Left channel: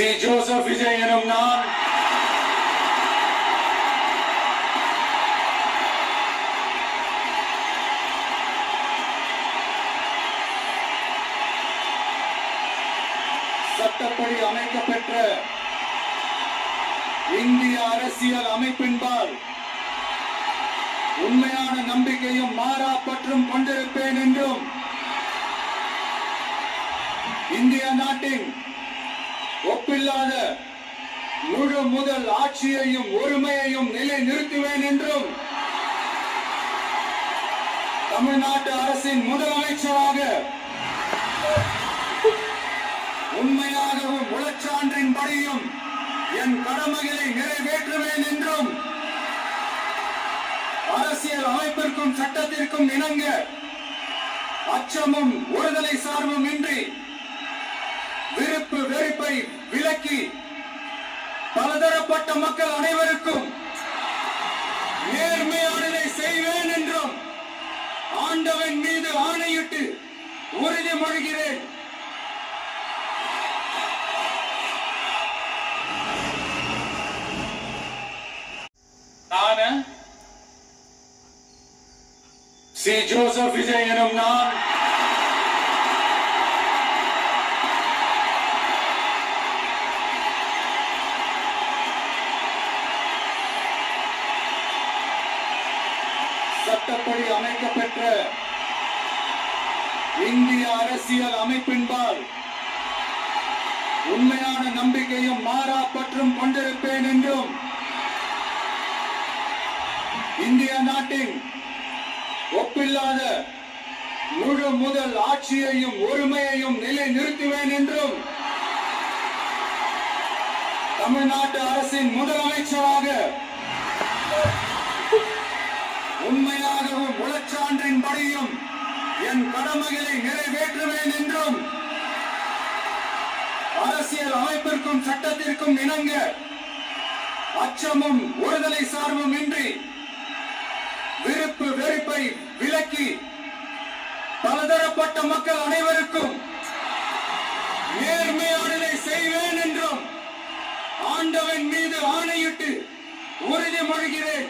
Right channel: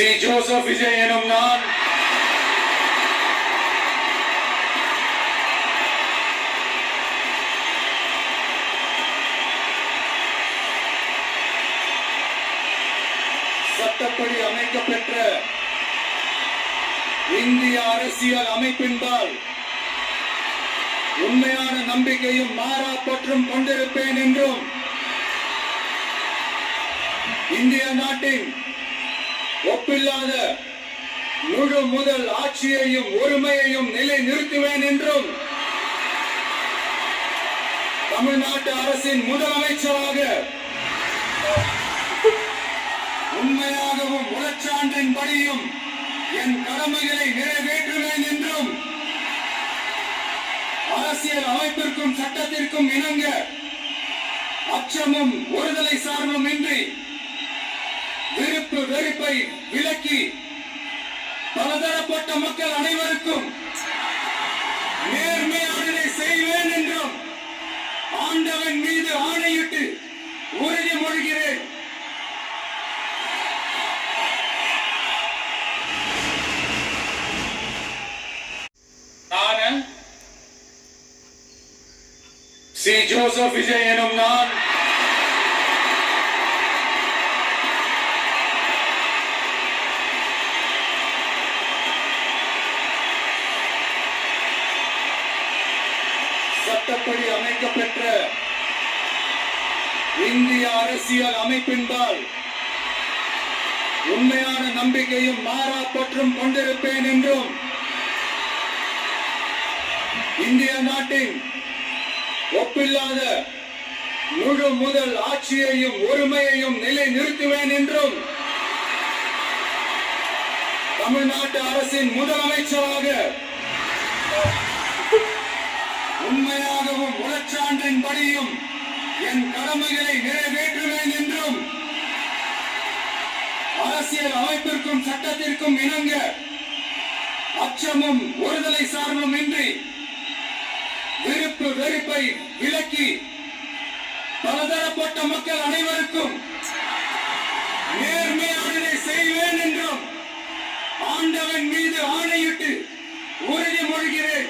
C. Joseph Vijay எனும் நான் சட்டப்படி அமைக்கப்பெற்ற இந்திய அரசியல் அமைப்பின்பால் உண்மையான நம்பிக்கையும் மாறா பற்றும் கொண்டிருப்பேன் என்றும் இந்திய நாட்டின் ஒப்பில்லாத முழு முதல் ஆட்சியையும் ஒருமையையும் நிலை நிறுத்துவேன் என்றும் தமிழ்நாட்டு அரசின் முதலமைச்சராக உண்மையாகவும் உளச்சான்றின்படியும் என் கடமைகளை நிறைவேற்றுவேன் என்றும் அரசியல் அமைப்பிற்கும் சட்டத்திற்கும் இணங்க அச்சமும் ஒருதலை சார்பும் இன்றி விருப்பு வெறுப்பை விலக்கி பலதரப்பட்ட மக்கள் அனைவருக்கும் நேர்மையானதை செய்வேன் என்றும் ஆண்டவன் மீது ஆணையிட்டு உறுதிமொழிகிறேன். நான் சி. ஜோசப் விஜய் எனும் நான் சட்டப்படி அமைக்கப்பெற்ற இந்திய அரசியல் அமைப்பின்பால் உண்மையான நம்பிக்கையும் மாறா பற்றும் கொண்டிருப்பேன் என்றும் இந்திய நாட்டின் ஒப்பில்லாத முழு முதல் ஆட்சியையும் ஒருமையையும் நிலை நிறுத்துவேன் என்றும் தமிழ்நாட்டு அரசின் முதலமைச்சராக உண்மையாகவும் உளச்சான்றின்படியும் என் கடமைகளை நிறைவேற்றுவேன் என்றும் அரசியல் அமைப்பிற்கும் சட்டத்திற்கும் இணங்க அச்சமும் ஒருதலை சார்பும் இன்றி விருப்பு வெறுப்பை விலக்கி பலதரப்பட்ட மக்கள் அனைவருக்கும் நேர்மையானதை செய்வேன் என்றும் ஆண்டவன் மீது ஆணையிட்டு உறுதிமொழிகிறேன்.